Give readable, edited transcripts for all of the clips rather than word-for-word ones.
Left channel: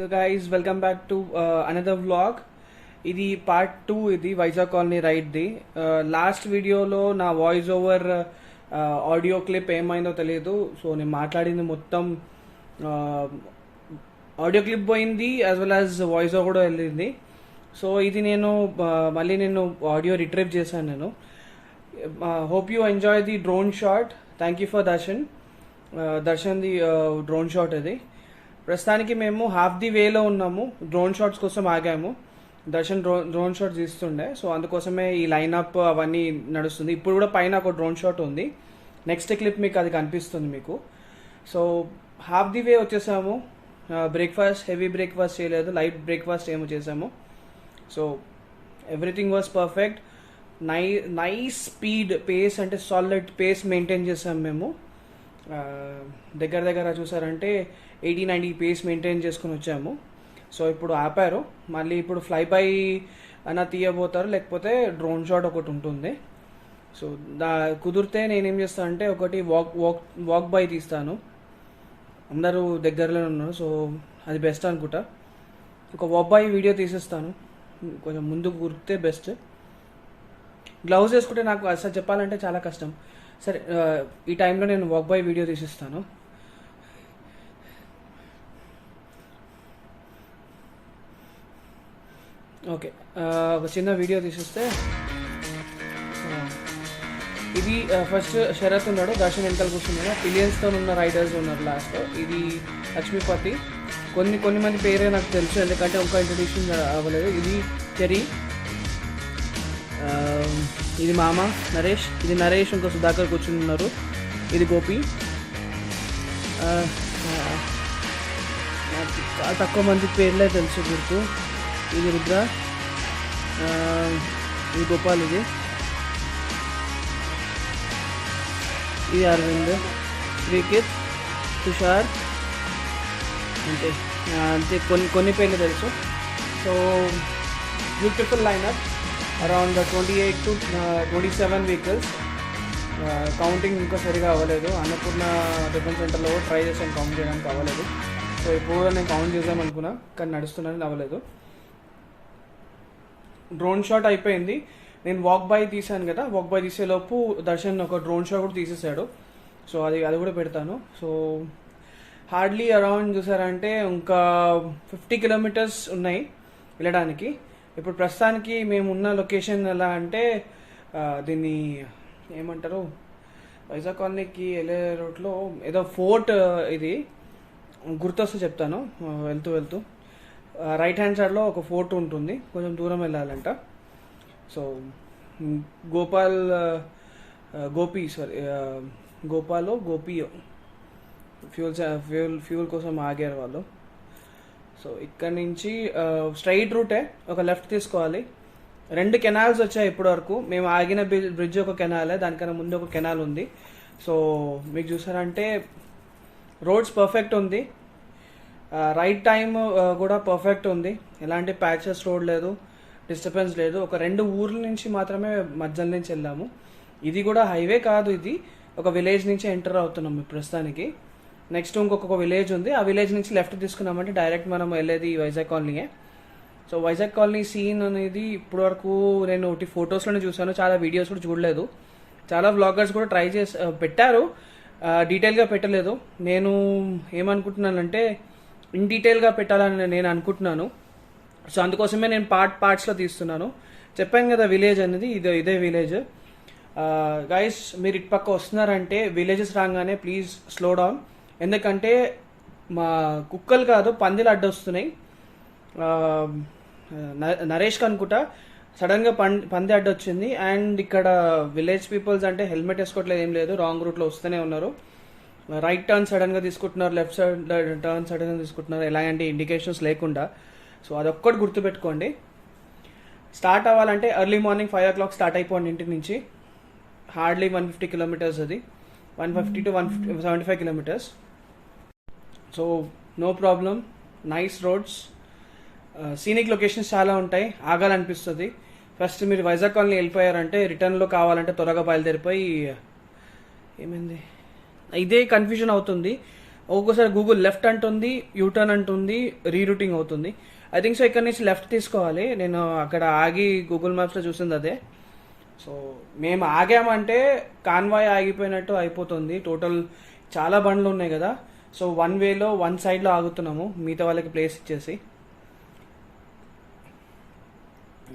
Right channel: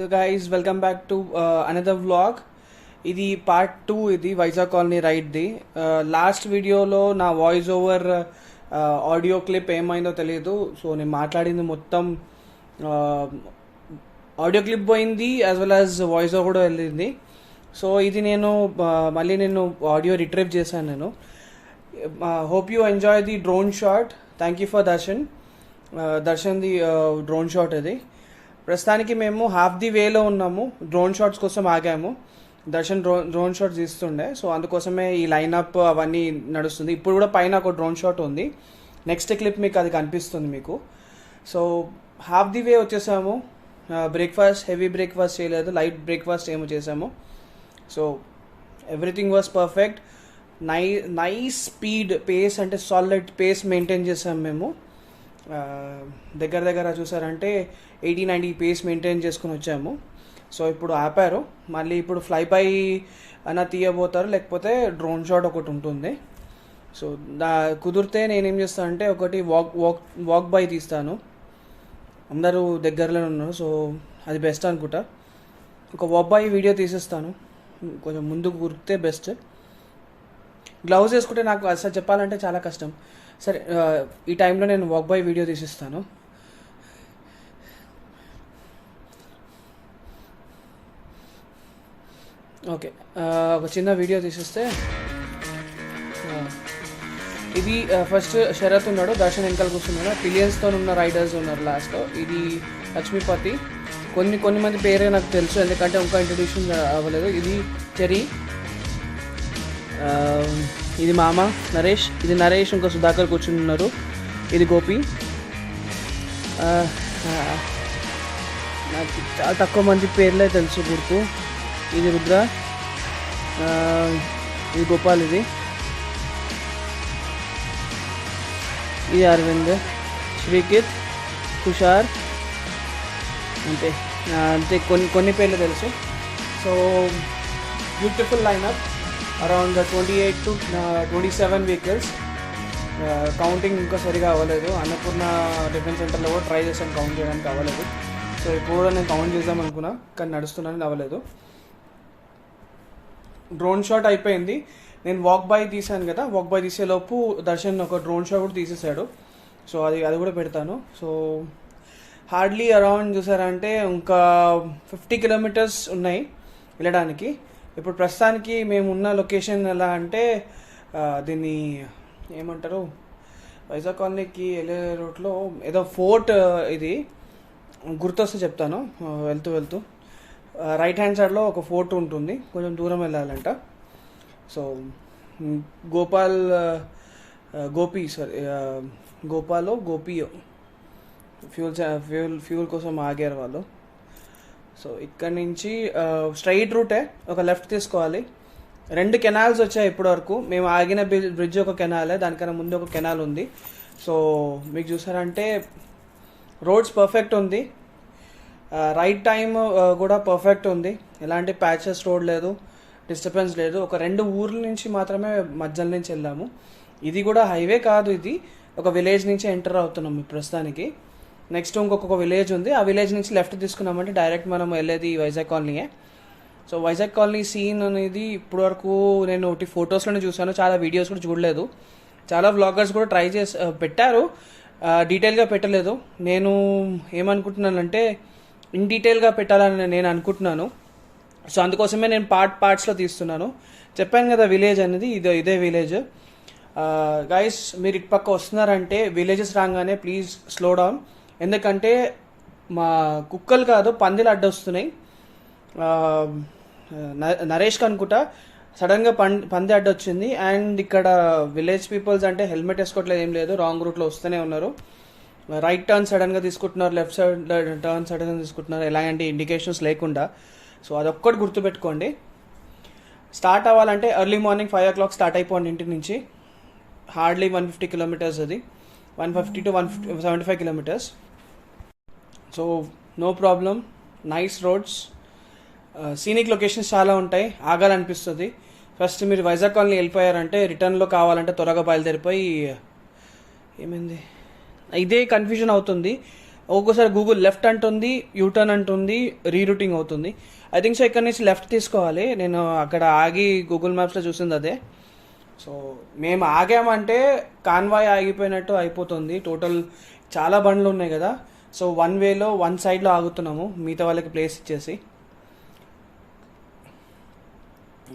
Hello guys, welcome back to another vlog. ఇది part 2. ఇది Vizag colony రైడ్ది. Last వీడియోలో నా వాయిస్ ఓవర్ ఆడియో క్లిప్ ఏమైందో తెలియదు. సో నేను మాట్లాడింది మొత్తం ఆడియో క్లిప్ పోయింది, as well as voice over కూడా వెళ్ళింది. సో ఇది నేను మళ్ళీ ఆడియో రిట్రీవ్ చేశాను. నేను hope you enjoy the drone shot. Thank you for Darshan the drone shot. అది ప్రస్తుతానికి మేము హాఫ్ ది వేలో ఉన్నాము. డ్రోన్ షాట్స్ కోసం ఆగాము. దర్శన్ డ్రోన్ షాట్ తీస్తుండే, సో అందుకోసమే ఈ లైనప్ అవన్నీ నడుస్తుంది. ఇప్పుడు కూడా పైన ఒక డ్రోన్ షాట్ ఉంది. నెక్స్ట్ క్లిప్ మీకు అది కనిపిస్తుంది మీకు. సో హాఫ్ ది వే వచ్చేసాము. హెవీ బ్రేక్ఫాస్ట్ చేయలేదు, లైట్ బ్రేక్ఫాస్ట్ ఏమో చేసాము. So everything was perfect. Nice speed, pace అంటే సాలిడ్ పేస్ మెయింటైన్ చేసాము మేము. దగ్గర చూసారంటే 80-90 పేస్ మెయింటైన్ చేసుకుని వచ్చాము. సో ఇప్పుడు ఆపారు. మళ్ళీ ఇప్పుడు ఫ్లై బై అన్న తీయబోతారు, లేకపోతే డ్రోన్ షాట్ ఒకటి ఉంటుంది. సో కుదిరితే నేనేం చేస్తానంటే ఒకటి వాక్ బై తీస్తాను. అందరూ దగ్గరలో ఉన్నారు, సో అది బెస్ట్ అనుకుంటా. ఒక వాక్ బై వీడియో తీసేస్తాను, కొంచెం ముందుకు కురికితే బెస్ట్. గ్లౌజ్ వేసుకుంటే నాకు అసలు చెప్పాలంటే చాలా కష్టం. సరే, ఈ టైంలో నేను వాక్ బై వీడియో తీసిస్తాను. ఓకే, ఒక చిన్న వీడియో తీసిస్తే ఇది ఫస్ట్ శరత్ ఉన్నాడు, దర్శన్ వెనకాల కూర్చున్నాడు. పిలియన్స్తో ఉన్న రైడర్స్ ఉన్నారు లాస్ట్. ఇది లక్ష్మీపతి. కొన్ని మంది పేరే నాకు తెలుసు, ఎందుకంటే ఇంకా ఇంట్రొడ్యూషన్ అవ్వలేదు. ఇది చెరీ, ఇది మామ నరేష్, ఇది నరేష్, ఇంకా సుధాకర్ కూర్చుని ఉన్నారు. ఇది గోపి. నాకు చాలా తక్కువ మంది పేర్లే తెలుసు గుర్తు. ఇది రుద్ర, ఇది గోపాల్, ఇది అరవింద్, శ్రీకిత్, తుషార్, అంతే కొన్ని పేర్లు తెలుసు. So beautiful lineup, around 28 to 27 vehicles. Counting ఇంకా సరిగా అవ్వలేదు. అన్నపూర్ణ డిఫెన్స్ సెంటర్లో కూడా ట్రై చేసాను, కౌంట్ చేయడానికి అవ్వలేదు. సో ఇప్పుడు నేను కౌంట్ చేద్దామనుకున్నా, కానీ నడుస్తున్నాను, అవ్వలేదు. డ్రోన్ షాట్ అయిపోయింది. నేను వాక్ బై తీసాను కదా, వాక్ బై తీసేలోపు దర్శన్ ఒక డ్రోన్ షాట్ కూడా తీసేసాడు. సో అది కూడా పెడతాను. సో హార్డ్లీ అరౌండ్ చూసారంటే ఇంకా 50 కిలోమీటర్స్ ఉన్నాయి వెళ్ళడానికి. ఇప్పుడు ప్రస్తుతానికి మేము ఉన్న లొకేషన్ ఎలా అంటే, దీన్ని ఏమంటారు, వైజాగ్ కాలనీకి వెళ్ళే రూట్లో ఏదో ఫోర్ట్, ఇది గుర్తొస్తే చెప్తాను. వెళ్తూ రైట్ హ్యాండ్ సైడ్లో ఒక ఫోర్ట్ ఉంటుంది, కొంచెం దూరం వెళ్ళాలంట. సో గోపియో ఫ్యూల్ కోసం ఆగారు వాళ్ళు. సో ఇక్కడ నుంచి స్ట్రైట్ రూటే, ఒక లెఫ్ట్ తీసుకోవాలి. 2 కెనాల్స్ వచ్చాయి ఇప్పటి వరకు. మేము ఆగిన బ్రిడ్జ్ ఒక కెనాలే, దానికన్నా ముందు ఒక కెనాల్ ఉంది. సో మీకు చూసారంటే రోడ్స్ పర్ఫెక్ట్ ఉంది, రైట్ టైం కూడా పర్ఫెక్ట్ ఉంది. ఎలాంటి ప్యాచెస్ రోడ్ లేదు, డిస్టర్బెన్స్ లేదు. ఒక 2 ఊర్ల నుంచి మాత్రమే మధ్యలో నుంచి వెళ్ళాము. ఇది కూడా హైవే కాదు, ఇది ఒక విలేజ్ నుంచి ఎంటర్ అవుతున్నాం ప్రస్తుతానికి. నెక్స్ట్ ఇంకొక విలేజ్ ఉంది, ఆ విలేజ్ నుంచి లెఫ్ట్ తీసుకున్నామంటే డైరెక్ట్ మనం వెళ్ళేది వైజాగ్ కాలనీయే. సో వైజాగ్ కాలనీ సీన్ అనేది ఇప్పటి వరకు నేను ఒకటి ఫొటోస్లోనే చూసాను, చాలా వీడియోస్ కూడా చూడలేదు. చాలా వ్లాగర్స్ కూడా ట్రై చేసి పెట్టారు, డీటెయిల్గా పెట్టలేదు. నేను ఏమనుకుంటున్నానంటే ఇన్ డీటెయిల్గా పెట్టాలని నేను అనుకుంటున్నాను. సో అందుకోసమే నేను పార్ట్స్లో తీస్తున్నాను. చెప్పాను కదా విలేజ్ అనేది, ఇదే విలేజ్. గైస్, మీరు ఇటు పక్క వస్తున్నారంటే విలేజెస్ రాగానే ప్లీజ్ స్లో డౌన్, ఎందుకంటే మా కుక్కలు కాదు పందులు అడ్డొస్తున్నాయి. నరేష్కి అనుకుంటా సడన్గా పంది అడ్డొచ్చింది. అండ్ ఇక్కడ విలేజ్ పీపుల్స్ అంటే హెల్మెట్ వేసుకోవట్లేదు, ఏం లేదు, రాంగ్ రూట్లో వస్తూనే ఉన్నారు. రైట్ టర్న్ సడన్గా తీసుకుంటున్నారు, లెఫ్ట్ సైడ్ టర్న్ సడన్గా తీసుకుంటున్నారు, ఎలాంటి ఇండికేషన్స్ లేకుండా. సో అదొక్కటి గుర్తుపెట్టుకోండి. స్టార్ట్ అవ్వాలంటే ఎర్లీ మార్నింగ్ 5 o'clock స్టార్ట్ అయిపోండి ఇంటి నుంచి. హార్డ్లీ 150 కిలోమీటర్స్, అది 150 to 175 kilometres. So no problem, nice roads, scenic locations చాలా ఉంటాయి, ఆగాలనిపిస్తుంది. ఫస్ట్ మీరు వైజాగ్ కాలనీ వెళ్ళిపోయారంటే రిటర్న్లో కావాలంటే త్వరగా బయలుదేరిపోయి, ఏమైంది ఇదే కన్ఫ్యూజన్ అవుతుంది. ఒక్కోసారి గూగుల్ లెఫ్ట్ అంటుంది, యూటర్న్ అంటుంది, రీరూటింగ్ అవుతుంది. ఐ థింక్ సో ఇక్కడ నుంచి లెఫ్ట్ తీసుకోవాలి. నేను అక్కడ ఆగి గూగుల్ మ్యాప్స్లో చూసింది అదే. సో మేము ఆగామంటే కాన్వాయ్ ఆగిపోయినట్టు అయిపోతుంది. టోటల్ చాలా బండ్లు ఉన్నాయి కదా, సో వన్ వేలో వన్ సైడ్లో ఆగుతున్నాము మిగతా వాళ్ళకి ప్లేస్ ఇచ్చేసి.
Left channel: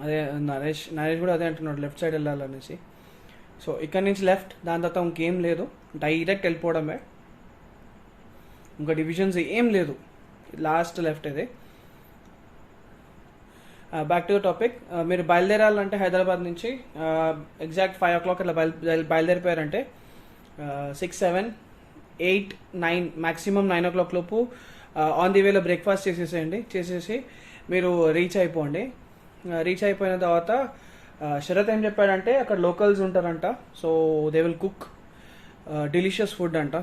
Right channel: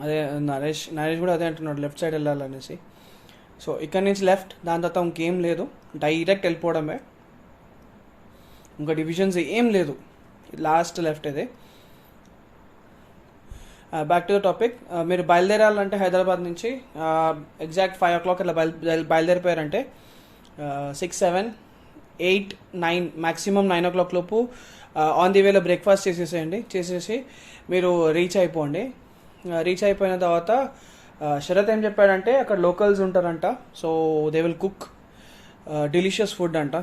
అదే నరేష్ కూడా అదే అంటున్నాడు, లెఫ్ట్ సైడ్ వెళ్ళాలనేసి. సో ఇక్కడ నుంచి లెఫ్ట్, దాని తర్వాత ఇంకేం లేదు, డైరెక్ట్ వెళ్ళిపోవడమే, ఇంకా డివిజన్స్ ఏం లేదు, లాస్ట్ లెఫ్ట్ ఇది. Back to the topic. మీరు బయలుదేరాలంటే హైదరాబాద్ నుంచి ఎగ్జాక్ట్ 5 o'clock అట్లా బయలుదేరిపోయారంటే 6, 7, 8, 9 మ్యాక్సిమం 9 o'clock లోపు ఆన్ ది వేలో బ్రేక్ఫాస్ట్ చేసేసి మీరు రీచ్ అయిపోండి. రీచ్ అయిపోయిన తర్వాత శరత్ ఏం చెప్పాడంటే అక్కడ లోకల్స్ ఉంటారంట, so they will cook delicious food అంట.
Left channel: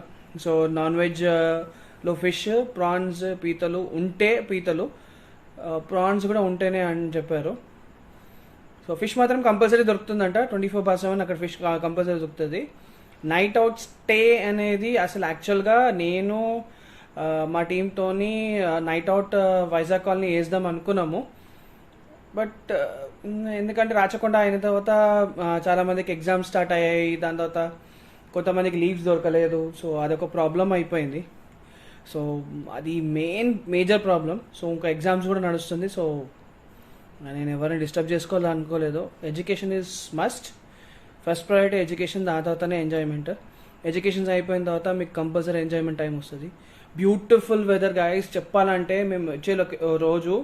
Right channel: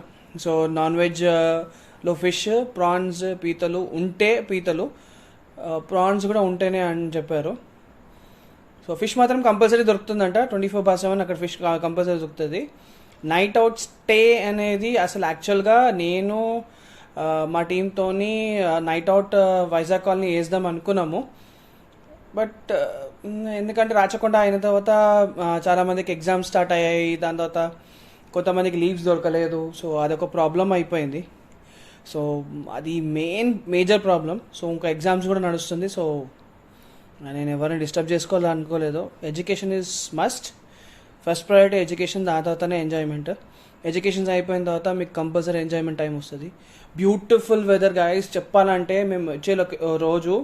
సో నాన్ వెజ్లో ఫిష్, ప్రాన్స్, పీతలు ఉంటే పీతలు, ప్రాన్స్ కూడా ఉంటేనే అని చెప్పారు. సో ఫిష్ మాత్రం కంపల్సరీ దొరుకుతుందంట, 24/7 అక్కడ ఫిష్ కంపల్సరీ దొరుకుతుంది. నైట్ అవుట్ స్టే అనేది అసలు యాక్చువల్గా నేను మా టీంతోని నైట్ అవుట్ వైజాగ్ కాలనీ వేద్దాం అనుకున్నాము. బట్ ఎందుకంటే రాచకొండ అయిన తర్వాత చాలామందికి ఎగ్జామ్స్ స్టార్ట్ అయ్యాయి, దాని తర్వాత కొంతమందికి లీవ్స్ దొరకలేదు, సో అదొక ప్రాబ్లం అయిపోయింది. సో అది మేజర్ ప్రాబ్లం. సో ఇంకా ఎగ్జామ్స్ కూడా నడుస్తుంది, సో నేను ఎవరిని డిస్టర్బ్ చేసుకోవాలనుకోలేదు. Education is must, first priority education, దాని తర్వాతనే ఎంజాయ్మెంట్. ఎడ్యుకేషన్స్ అయిపోయిన తర్వాత మీకు కంపల్సరీ ఎంజాయ్మెంట్ టైం వస్తుంది. బ్యూటిఫుల్ వెదర్ గైస్, చెప్పాలంటే మేము వచ్చే రోజు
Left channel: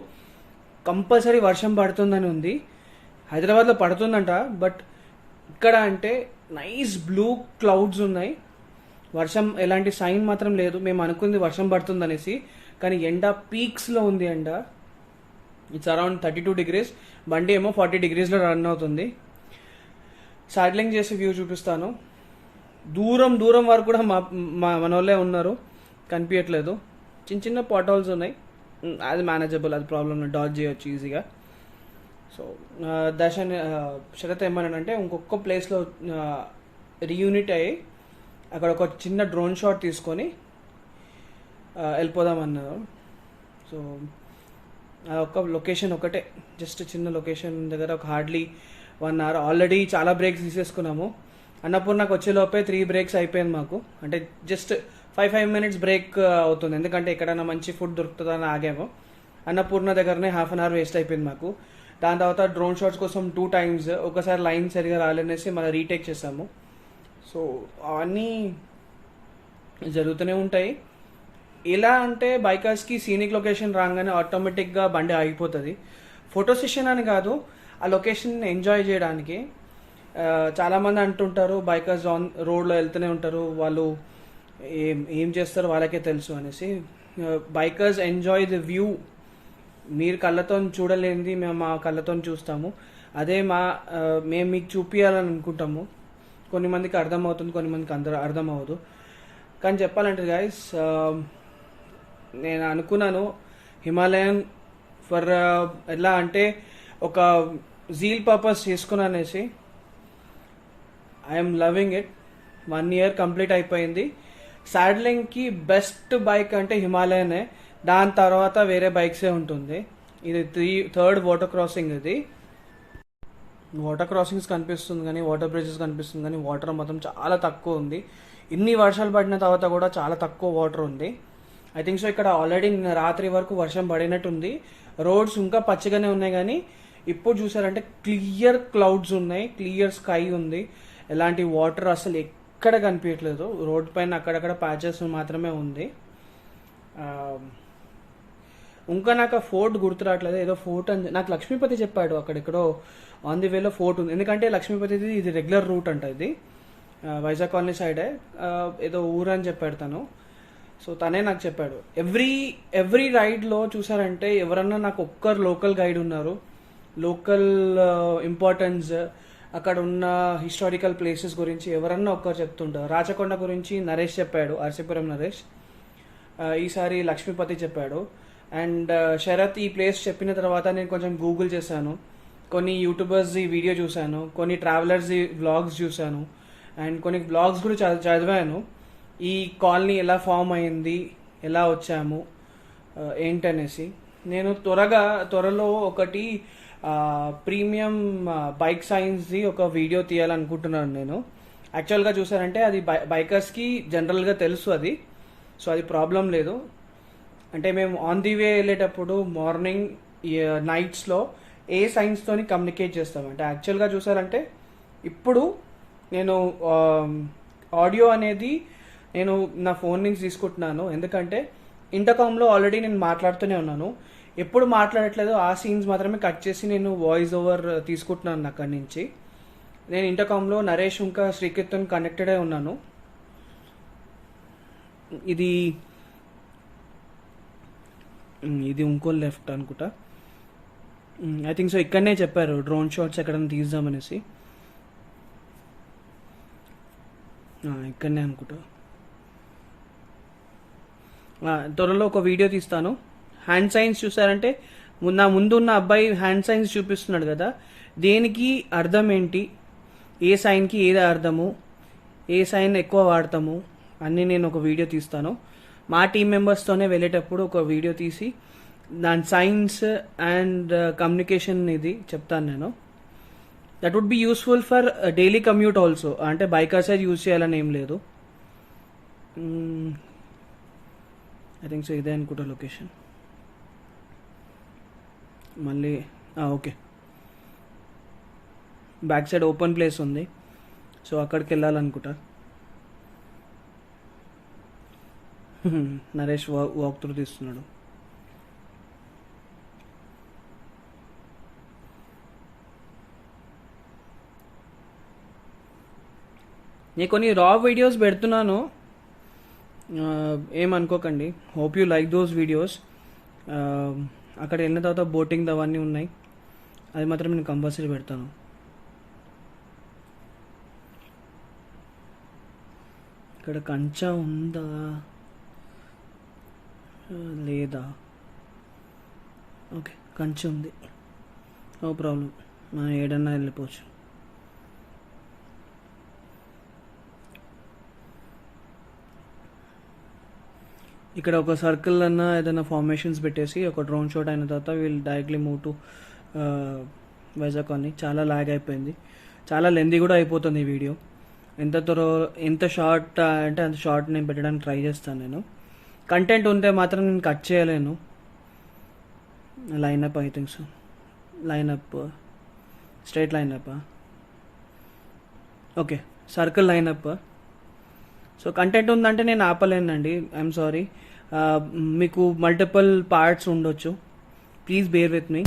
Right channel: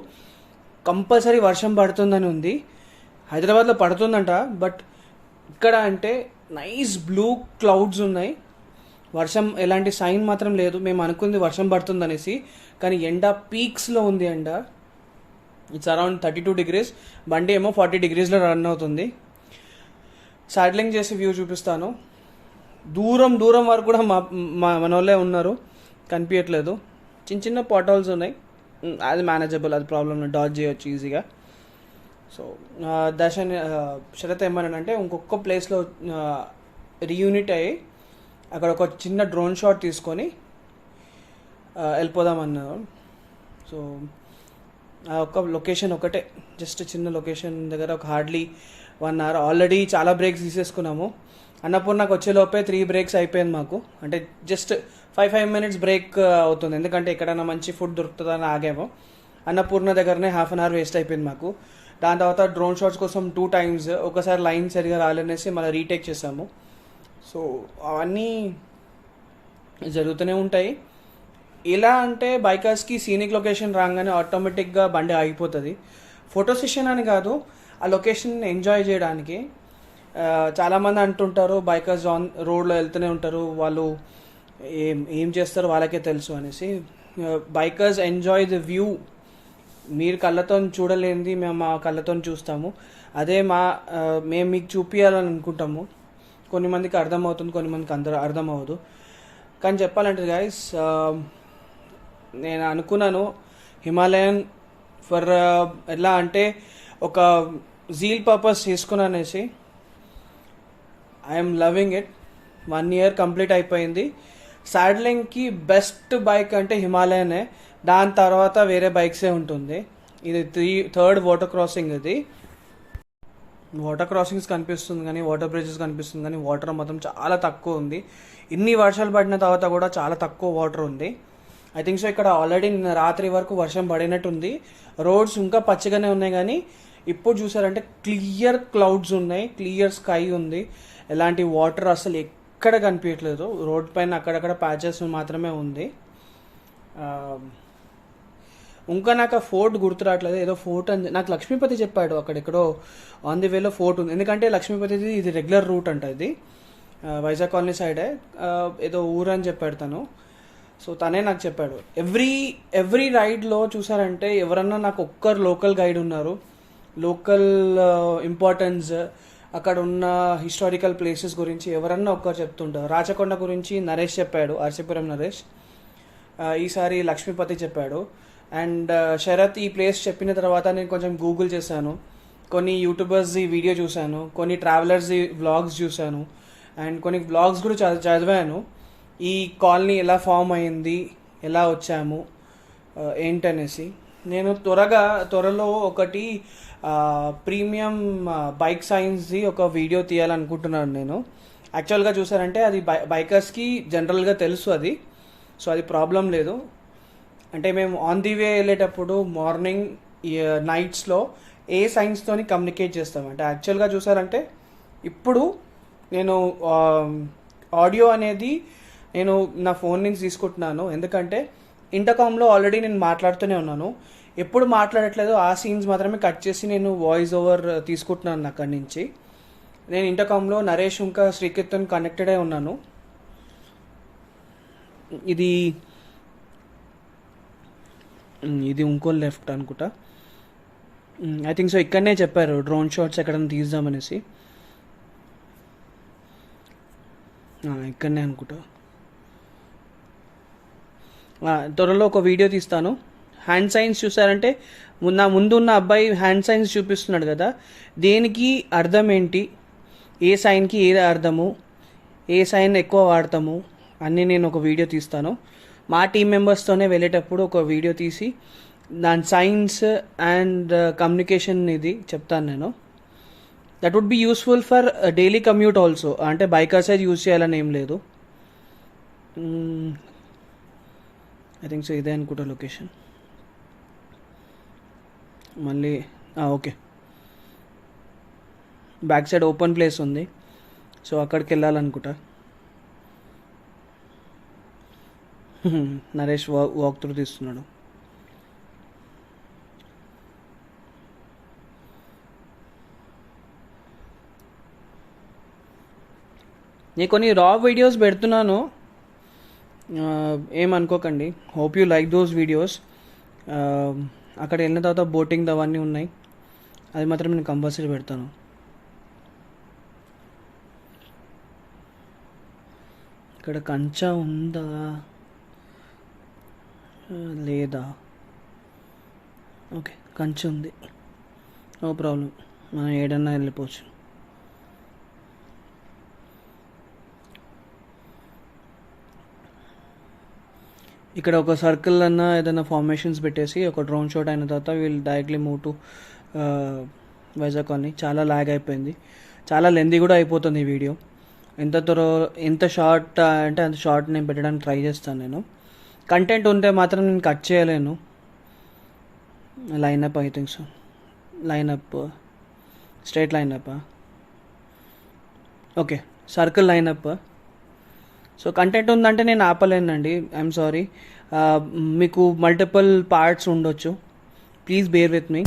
కంపల్సరీ వర్షం పడుతుందని ఉంది. హైదరాబాద్లో పడుతుందంట, బట్ ఇక్కడ అంటే నైస్ బ్లూ క్లౌడ్స్ ఉన్నాయి, వర్షం ఎలాంటి సైన్ మాత్రం లేదు. మేము అనుకుంది వర్షం పడుతుందనేసి, కానీ ఎండ పీక్స్లో ఉంది ఎండ. ఇట్స్ అరౌండ్ 32 degrees, బండి ఏమో 40 degreesలో రన్ అవుతుంది. సైడ్లింగ్ చేసి వ్యూ చూపిస్తాను. దూరం వరకు కూడా మన వాళ్ళే ఉన్నారు, కనిపించట్లేదు. చిన్న పాట్ హోల్స్ ఉన్నాయి, అది మేనేజబుల్, అది ప్రాబ్లమ్, డాజ్ చేయొచ్చు ఈజీగా. సో దర్శన్ శరత్ ఏమన్నానంటే ఇంకొక ప్లేస్లో రీయూనిట్ అయ్యి అక్కడ ఒక చిన్న డ్రోన్ షాట్ తీసుకొని వెళ్ళిపోదామన్నారు. సో ఒక లొకేషన్ ఒకటే, జస్ట్ చిన్న లొకేషన్ దగ్గర ఒక హార్డ్లీ 1 hour ఆల్రెడీ చాలా బ్రేక్స్ తీసేసుకున్నాము. అన్నపూర్ణకు వచ్చేలోపే 3 breaks అయిపోయింది మాకు, అంటే జస్ట్ 5 minutes బ్రేక్ అవుతుంది, ఎందుకంటే ఎక్కడైనా మంచి ఫుడ్ దొరుకుతుందని ఆగాము. అన్నపూర్ణ దగ్గరనే 1/2 hour వేస్ట్ అయిపోయింది మాకు. దాని తర్వాత డ్రోన్ షాట్స్ కోసం 2 times, ఒకసారి లైన్ సరిగా రాలేనేసి మళ్ళీ రీటేక్ చేసాము. సో అవన్నీ జరుగుతూనే ఉంటాయి. ఎలా అంటే బైకర్స్కి సీనిక్ లొకేషన్ రాగానే ఆటోమేటిక్గా బండి ఆగిపోతుంది. ఫోటో సెషన్ అని కాదు, ఆ లొకేషన్ ఎంజాయ్ చేయడానికి. చాలామంది అంటుంటారు బైకర్స్ ఆన్ రోడ్లో వెళ్తూనే ఉంటారు, వాళ్ళు ఏం చేస్తారో వాళ్ళకే తెలుసు అనేసి. Bikers enjoy the view. మీరు కళ్ళతో చూడలేనిది మేము మా కళ్ళతో చూస్తాము, అదే మేము మీకు చూపించాలని అనుకుంటాము. కొన్ని మందికి అర్థమవుతుంది, కొన్ని మందికి అర్థం అవ్వదు. కానీ చెప్పాలంటే గైస్, నేను అనుకున్నాను హిమాలయన్ ఫర్ ఎలా అంటే ఒక జీల్ పర్పస్ చేసుకున్నానేసి. I'm loving it. 1 year complete అయిపోయింది. సాడ్లింగ్కి బెస్ట్ బైక్ అంటే హిమాలయనే, దాని తర్వాత వేరే బైక్సే ఉంటుంది. ఇది 3rd వాటర్ క్రాసింగ్. ఇది వాటర్ క్రాసింగ్స్ కనిపిస్తుంది కానీ, వాటర్ బ్రిడ్జెస్ కనిపిస్తుంది కానీ, వాటర్ మాత్రం చాలా తక్కువ ఉంది. ఇన్ని వర్షాలు పడిన తర్వాత కూడా చాలా తక్కువ వాటర్ ఉంది. ఐ థింక్ సో ఇక్కడ ఆల్రెడీ నిన్న రాత్రి వరకు వర్షం పడినట్టుంది. రోడ్స్ ఇంకా పచ్చగానే ఉన్నాయి, కానీ ఇప్పుడు చూసారంటే క్లియర్ క్లౌడ్స్ ఉన్నాయి, క్లియర్ స్కై ఉంది, ఎలాంటి వాటర్ అసలు ఎక్కడ కనిపించట్లేదు. రోడ్ పైన అక్కడక్కడ ప్యాచెస్ మాత్రమే ఉంది. ఇంకా నాకు ఆ ఫోర్ట్ గుర్తు రావట్లేదు, ఏదో ఫోర్ట్ అని నాకు లక్ష్మీపతి చెప్పాడు, అక్కడెక్కడో ఆన్ ది వేలో ఫోర్ట్ ఉంది. ఎందుకంటే లక్ష్మీపతిది ఇది రెగ్యులర్ రూట్ అంట, ఇది వైజాగ్ కాలనీ సైడే ఏదో ఊరు అని చెప్పాడు తను. సో తనే నాకు చెప్పాడు. ఎవ్రీ రైడ్లో చూసారంటే ఎవరన్నా నాకు ఒక్కరు లోకల్ గైడ్ ఉన్నారు. లోకల్ ఇంపార్టెన్స్, అక్కడ ఉన్న హిస్టారికల్ ప్లేసెస్ గురించి ఎవరన్నా ఒక్కరు చెప్తుంటారు. రాచకొండ గురించి నరేష్ చెప్పాడు, ఆర్సీపురం నరేష్. ఈసారి లక్ష్మీపతి చెప్పాడు. అండ్ శరత్ ఈ ప్లేస్ చెప్పిన తర్వాత నేను కొంచెం గూగుల్ చేశాను, కొన్ని యూట్యూబర్స్ది వీడియో చూశాను, కొన్ని ట్రావెలర్స్ది వ్లాగ్స్ చూశాను, అండ్ కొన్ని వ్లాగ్స్ కూడా చదివాను. ఈ కాలనీ ఎలా ఫామ్ అయింది, ఎలా వచ్చాము, ఏంటనేసి. నేను త్వరలో ఒకటి ప్రీమియం బైక్ సైన్స్ది ఒక వీడియో తీయాలనుకుంటున్నాను నేను. యాక్చువల్గా చూసారంటే అది బైకర్స్కి జనరల్గా తెలుసు అది, సో అది ప్రాబ్లం లేదు. అంటే మేము ఆన్ ది వే వెళ్ళేటప్పుడు మార్నింగ్ నైట్స్లో ఏ సైన్స్తోని కమ్యూనికేట్ చేస్తాం. అంటే యాక్చువల్గా చూసారంటే ఇప్పుడు నేను ఆడియో అనేది నేను నా ఫోన్ నుంచి తీసుకుంటున్నాను, ఎందుకంటే ఇంటర్కామ్లో ఆల్రెడీ నేను మాట్లాడుతూనే ఉన్నాను. ఎప్పుడు మాట్లాడట్లేదు, ఆ సీన్స్ మాత్రమే కట్ చేసి నేను వాయిస్ ఓవర్ తీసుకుంటున్నాను అక్కడి నుంచి. నేను ఇంటర్కామ్లో నరేష్ ఇంకా శ్రీకీర్తన్ కనెక్టెడ్ అయి ఉన్నాను. ఇది ఇంకో లెఫ్ట్ అనుకుంటా, ఐ థింక్ సో. ఇక్కడనే చెప్పారు డ్రోన్ షాట్స్ ఎక్కడైనా తీద్దామనేసి, ఇక్కడనే అనుకుంటా. త్వరలో ఒక వీడియో తీస్తాను. హ్యాండ్ సైన్స్ చూసారంటే నా ముందున్న అబ్బాయి హ్యాండ్ సైన్స్ చూపిస్తున్నాడు కదా, దేనికి అర్థం ఏంటి, ఏ సైన్కి ఏది అర్థము, ఏ సైన్ ఎక్కువ వాడతాము అన్నీ నేను ఒక వీడియో తీస్తాను. మా టీం మెంబర్స్తోనే వెళ్ళేటప్పుడు ఒక వీడియో తీసి దాని సైన్స్ అండ్ కమ్యూనికేషన్ ఇది చెప్తాను నేను. That would be useful for daily commute also. అంటే బైకర్సే యూజ్ చేయాలని ఏం లేదు. ఐ థింక్ సో ఇదే అనుకుంటా లొకేషన్. మళ్ళీ okay, back side open place ఉంది, సో అక్కడికి వెళ్ళాలనుకుంటా. నరేష్ వాక్ త్రూ తీస్తున్నాడు. నేను కొన్ని రా వీడియోస్ పెడుతున్నాను, ఏమనుకోకండి. Hope you like those videos. అక్కడ వెళ్ళిన తర్వాత బోటింగ్ అవన్నీ ఉన్నాయి, అది మాత్రం నేను కంపల్సరీ పెడతాను. ఇక్కడ కంచా ఉందా లేదా? ఓకే, కంచె ఉంది, నో ప్రాబ్లం, మనం ఏడన్నా వెళ్ళిపోవచ్చు. ఇక్కడ ఒక సర్కిల్ అన్న ఏదైనా ఫార్మేషన్స్ పెట్టేసి ఒక డ్రోన్ షాట్ అయిన తర్వాత వీళ్ళు directly move to Vizag colony. చాలా లాగ్ అయిపోయింది, చాలా లెందీ కూడా అయిపోతుంది ఈ వీడియో. ఎంత షార్ట్ అంటే అంత షార్ట్ నేను పెట్టడానికి ట్రై చేస్తాను. నేను కంటెంట్ ఉంటే మాత్రం నేను కట్ చేయలేను. Lineup I think so, lineup straight lineup, okay circle lineup. So content ఉందంటే నేను ఆపలేనండి, ఐఎమ్ సారీ. మీకు మల్టిపుల్ పార్ట్స్ ఉండొచ్చు, ప్లీజ్ బేర్ విత్ మీ.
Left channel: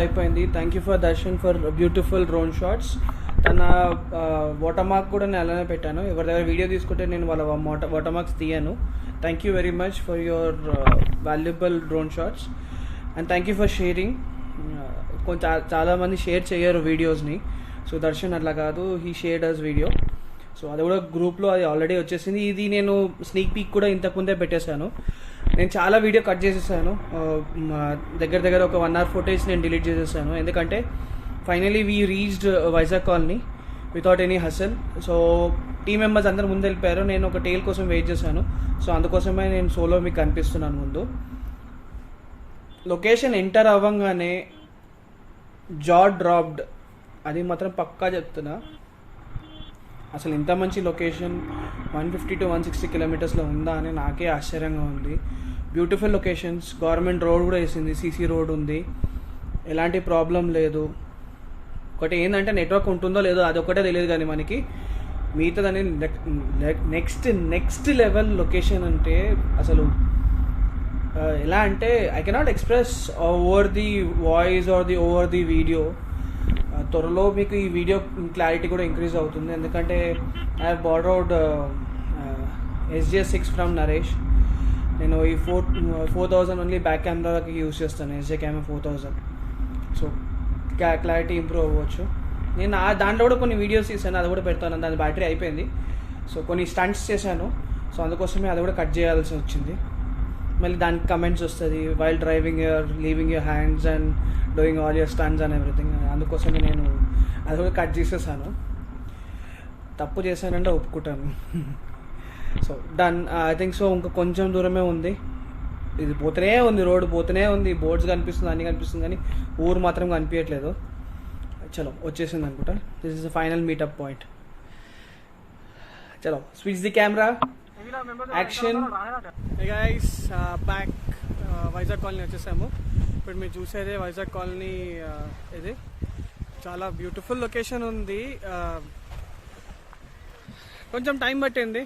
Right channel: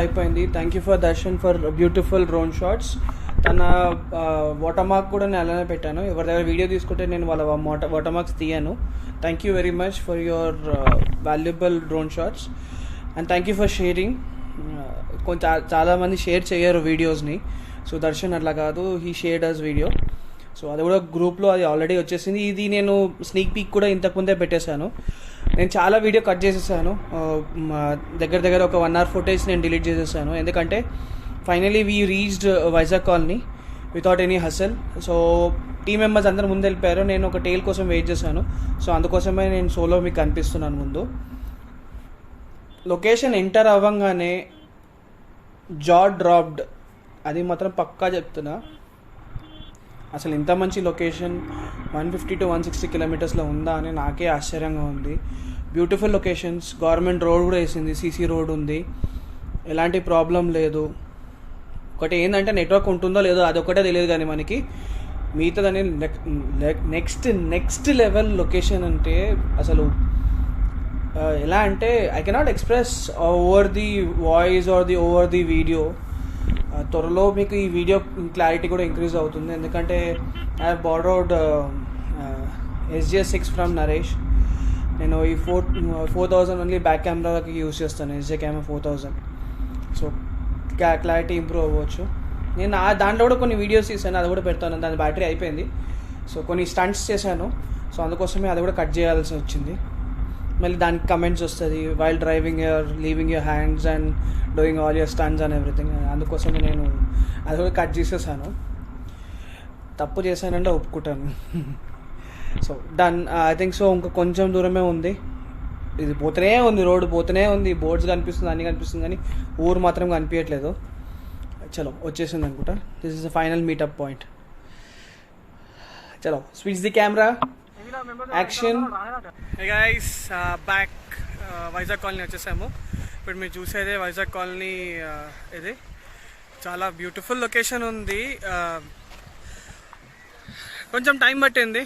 అయిపోయింది. Thank you for Darshan for beautiful drone shots. తన వాటర్ మార్క్ కూడా నేను అలానే పెట్టాను. ఎవరి దగ్గర వీడియో తీసుకుంటే నేను వాళ్ళ వాటర్ మార్క్స్ తీయను. Thank you very much for your valuable drone shots and thank you for sharing. చాలామంది షేర్ చేయరు వీడియోస్ని, సో దర్శన్ అట్లా కాదు, he shared us video. So అది కూడా గ్రూప్లో అది ఆల్రెడీ వచ్చేసింది. ఇది నేను స్నీక్ పీక్ కూడా ఇంతకుముందే పెట్టేశాను. నేను చాలా వీడియో కట్ చేసేసాను, దగ్గర ఒక 1 hour ఫుటేజ్ నేను డిలీట్ చేసేసాను. ఎందుకంటే finally we reached Vizag colony. Without any hassle. So team members అందరు ముందు వెళ్ళిపోయారు, నేను ఒక టైల్ కోసం వెయిట్ చేశాను. సో అందుకోసమే నేను సోలో మీకు కనిపిస్తున్నాను ముందు. లొకేషన్ ఎంటర్ అవ్వగానే జా డ్రాప్డ్, అది మాత్రం పక్కా చెప్తున్నా. అసలు ఇంత మంచి లొకేషన్ 150 to 160 కిలోమీటర్స్లో ఉందా అని నాకే ఆశ్చర్యంగా ఉంది. బ్యూటిఫుల్ లొకేషన్స్, గవర్నమెంట్ రోడ్ కూడా వేసింది, సీసీ రోడ్ ఉంది, ఎలాంటి ప్రాబ్లం లేదు. ఒకటి ఏంటంటే నెట్వర్క్ ఉంటుందో లేదో అదొకటే తెలియదు, కానీ మనకి మిగతాదని నెక్స్ట్ లెవెల్ లొకేషన్. అంటే అసలు ఎలా అంటే I cannot express over the voice or over the video. త్వరలో మీకు ఈ వీడియో క్లారిటీ కూడా ఇంక్రీజ్ అవుతుంది, ఎందుకంటే I have borrowed SJ6 from Naresh. నేను ఈ 4000 ఓన్లీ బ్యాక్ కెమెరాకి యూజ్ చేస్తాను, SJ camera 4000. So clarity improve అవ్వచ్చు. నేను దాంట్లో కూడా కొన్ని వీడియోస్ తీసాను, అది కూడా పెడతాను. దాని బ్యాటరీ అయిపోయింది, సో కొన్ని స్టంట్స్ చేశాను. సో అందుకోసమే అది కూడా కట్ చేయాల్సి వచ్చింది. మళ్ళీ దానికి కమెంట్స్ వస్తుంది, while driving your leaving your hands and doing all your stunts and everything. అందుకోసమే నేను అది కూడా కట్ చేసేసాను. తప్పు చేశానంటే ఒప్పుకుంటాను. So done, I think so. ఇంకా కొంచెం దూరమే ఉంది, ఇది పోతూనే ఉంది, రోడ్డు పోతూనే ఉంది, బోర్డ్స్ కనిపిస్తుంది, అన్నీ కనిపిస్తుంది, కానీ ఊరు మాత్రం కనిపించట్లేదు. చలో వచ్చేసింది అనుకుంటా. This is the final meetup point. చలో switch the camera, action. Hey guys, back Vizag colony వచ్చేసాము. ఇప్పుడు మీరు చూసేదే వైజాగ్ కాలనీ. ఇది చాలా బ్యూటిఫుల్ లొకేషన్ ఉంది. కొంచెం టైం పట్టింది,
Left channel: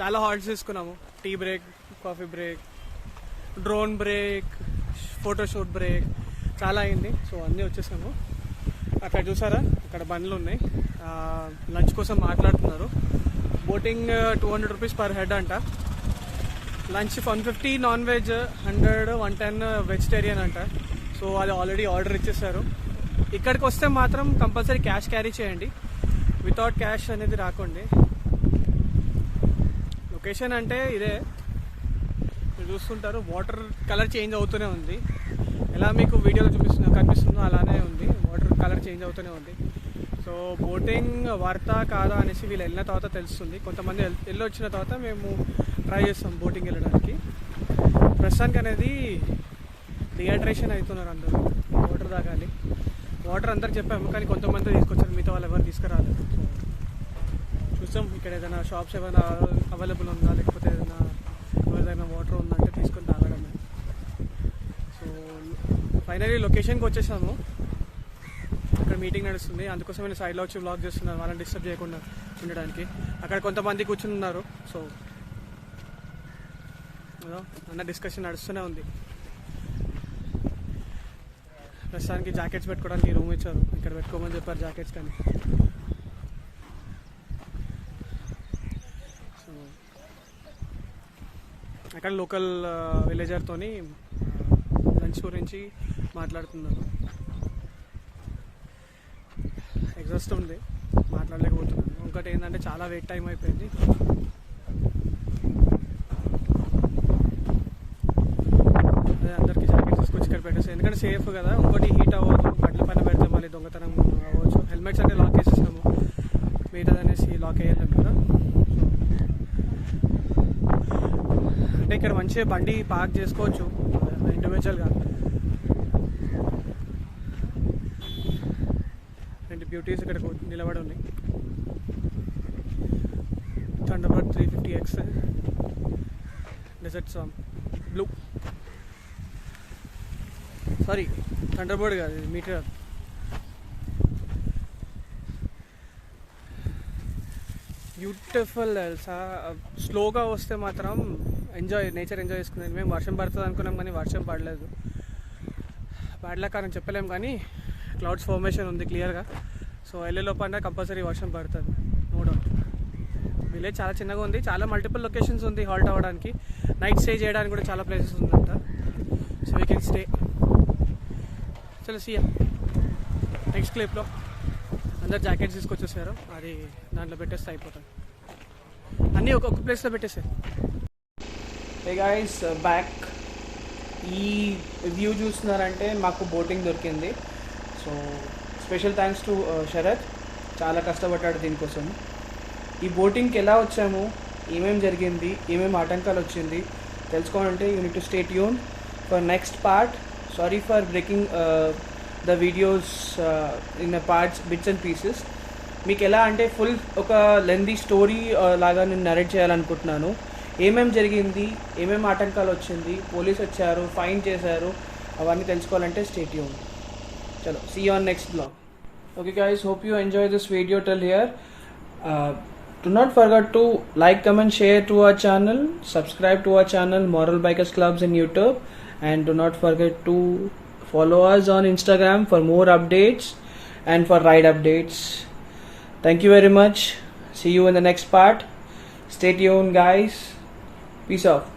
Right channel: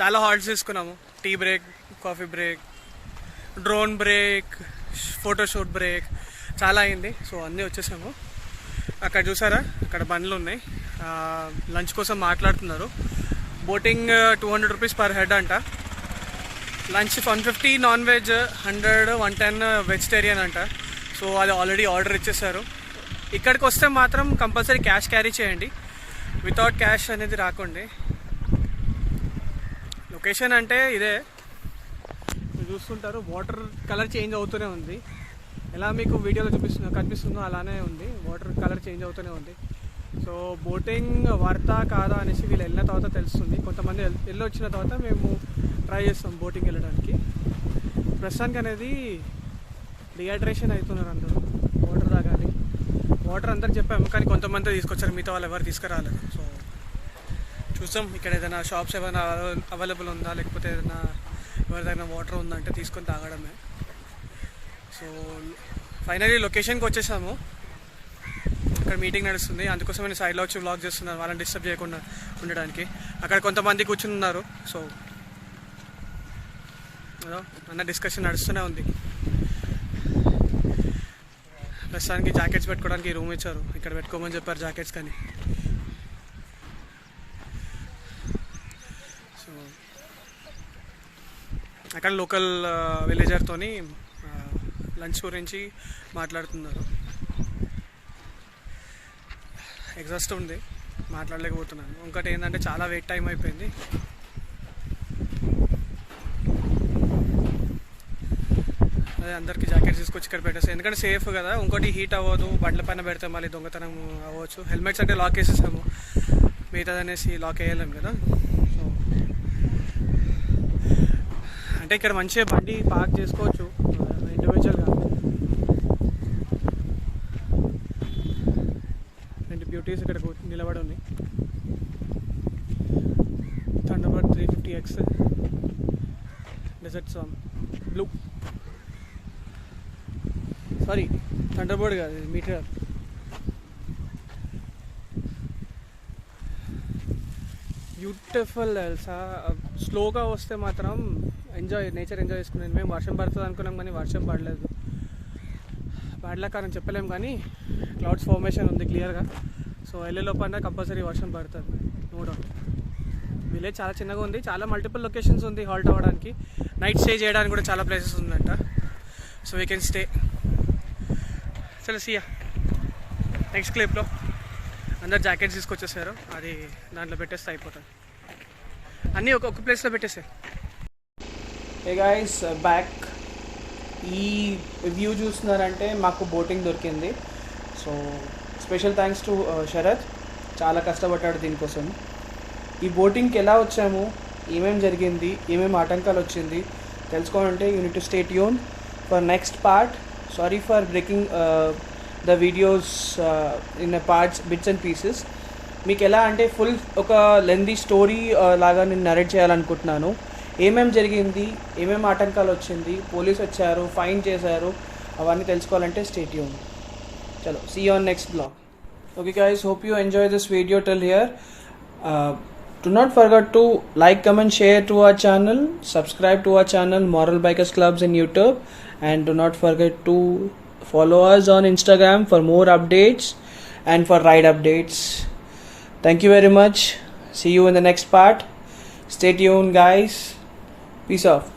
చాలా హాల్ట్స్ తీసుకున్నాము. Tea break, coffee break, drone break, photoshoot break, చాలా అయింది. సో అన్నీ వచ్చేసాము. అక్కడ చూసారా, అక్కడ బండ్లు ఉన్నాయి, లంచ్ కోసం మాట్లాడుతున్నారు. బోటింగ్ 200 రూపీస్ పర్ హెడ్ అంట. లంచ్ 150 నాన్ వెజ్, 100 110 వెజిటేరియన్ అంట. సో అది ఆల్రెడీ ఆర్డర్ ఇచ్చేసారు. ఇక్కడికి వస్తే మాత్రం కంపల్సరీ క్యాష్ క్యారీ చేయండి, వితౌట్ క్యాష్ అనేది రాకండి. లొకేషన్ అంటే ఇదే, మీరు చూస్తుంటారు. వాటర్ కలర్ చేంజ్ అవుతూనే ఉంది, ఎలా మీకు వీడియోలో కనిపిస్తుందో అలానే ఉంది. వాటర్ కలర్ చేంజ్ అవుతూనే ఉంది. సో బోటింగ్ వర్తా కాదా అనేసి వీళ్ళు వెళ్ళిన తర్వాత తెలుస్తుంది. కొంతమంది వెళ్ళి వచ్చిన తర్వాత మేము ట్రై చేస్తాం బోటింగ్ వెళ్ళడానికి. ప్రస్తుతానికి అనేది డిహైడ్రేషన్ అవుతున్నారు అందరూ, వాటర్ తాగాలి. వాటర్ అందరికి చెప్పాము, కానీ కొంతమంది తీసుకొచ్చారు, మిగతా వాళ్ళు ఎవరు తీసుకురాలేదు. సో చూసాం ఇక్కడ ఏదైనా షాప్స్ ఏమైనా అవైలబుల్ ఉందా, లేకపోతే ఏదైనా ఎవరిదైనా వాటర్ ఉందంటే తీసుకొని తాగడమే. సో ఫైనలీ లొకేషన్కి వచ్చేసాము. అక్కడ మీటింగ్ నడుస్తుంది, అందుకోసం నేను సైడ్లో వచ్చి వ్లాగ్ చేస్తున్నాను, వాళ్ళని డిస్టర్బ్ చేయకుండా ఉండడానికి. అక్కడ కొంతమంది కూర్చుని ఉన్నారు. సో అన్న డిస్కషన్ నడుస్తూనే ఉంది. ప్రస్తుతానికి జాకెట్స్ పెట్టుకోవడానికి రూమ్ ఇచ్చారు, ఇక్కడ పెట్టుకోమని చెప్పారు జాకెట్స్. కానీ సో అక్కడ లోకల్ విలేజర్తోని లంచ్ గురించి మాట్లాడుతున్నారు. ఎగ్జాస్ట్ ఉంది, మాట్లాడలేకపోతున్నాను. ఇంకోటి ఏంటంటే చాలా వెయిట్ టైం అయిపోయింది. అదే అందరికీ జాకెట్స్ తీసుకొచ్చి ఇక్కడ పెట్టేస్తాను, ఎందుకంటే సేఫ్ కదా. ఇంకోటి హీట్ అవ్వదు, బండ్ల పైన పెడితే మళ్ళీ దొంగతనం అవ్వచ్చు. హెల్మెట్స్ అంటే లాక్ వేసేసాము, మిగతాది అనేసి లాక్ వేయలేము కదా. సో అంటే ఇక్కడ మంచిగా బండి పార్క్ చేసుకోవచ్చు ఇండివిజువల్గా. రెండు బ్యూటీస్ ఇక్కడ నిలబడి ఉన్నాయి. థండర్బర్డ్ 350X డెజర్ట్ సామ్ బ్లూ, సారీ థండర్బర్డ్ కాదు, మీటర్. బ్యూటిఫుల్ తెలుసా. స్లోగా వస్తే మాత్రం నేచర్ ఎంజాయ్ చేసుకున్నాను. మేము వర్షం పడుతుంది అనుకున్నాం, కానీ వర్షం పడలేదు. పడలేక అని చెప్పలేము, కానీ క్లౌడ్స్ ఫార్మేషన్ ఉంది క్లియర్గా. సో వెళ్ళేలోపల కంపల్సరీ వర్షం పడుతుంది, నో డౌట్. విలేజ్ చాలా చిన్నగా ఉంది, చాలా మల్టిపుల్ లొకేషన్స్ ఉంది హాల్ట్ అవ్వడానికి. నైట్ స్టే చేయడానికి కూడా చాలా ప్లేసెస్ ఉందంట. So we can stay. చలో సియా నెక్స్ట్ క్లిప్లో. అందరు జాకెట్స్ తీసుకొచ్చేసారు, అది దాంట్లో పెట్టేస్తే అయిపోతుంది. అన్నీ ఒక్కొక్క ప్లేస్లో పెట్టేసారు. Hey guys, back. ఈ వ్యూ చూస్తున్నారంటే మాకు బోటింగ్ దొరికింది. So special thanks to Sarath. చాలా కష్టపడ్డాడు దీనికోసం. ఈ బోటింగ్కి ఎలా వచ్చాము, ఏమేమి జరిగింది, ఏమేమి ఆటంకాలు వచ్చింది తెలుసుకోవాలంటే you need to stay tune for next part. Sorry for breaking the videos in parts, bits and pieces. మీకు ఎలా అంటే ఫుల్ ఒక లెందీ స్టోరీ లాగా నేను నరేట్ చేయాలనుకుంటున్నాను. ఏమేమి జరిగింది, ఏమేమి ఆటంకాలు వచ్చింది, పోలీస్ వచ్చారు, ఫైన్ చేశారు, అవన్నీ తెలుసుకోవాలంటే స్టే ట్యూన్. చలో, see you on next blog. Okay guys, hope you enjoy this video till here. Do not forget to like, comment, share to our channel, subscribe to our channel Moral Bikers Clubs in YouTube, and do not forget to follow us on Instagram for more updates and for ride updates. Thank you very much. See you in the next part. Stay tuned guys. Peace out.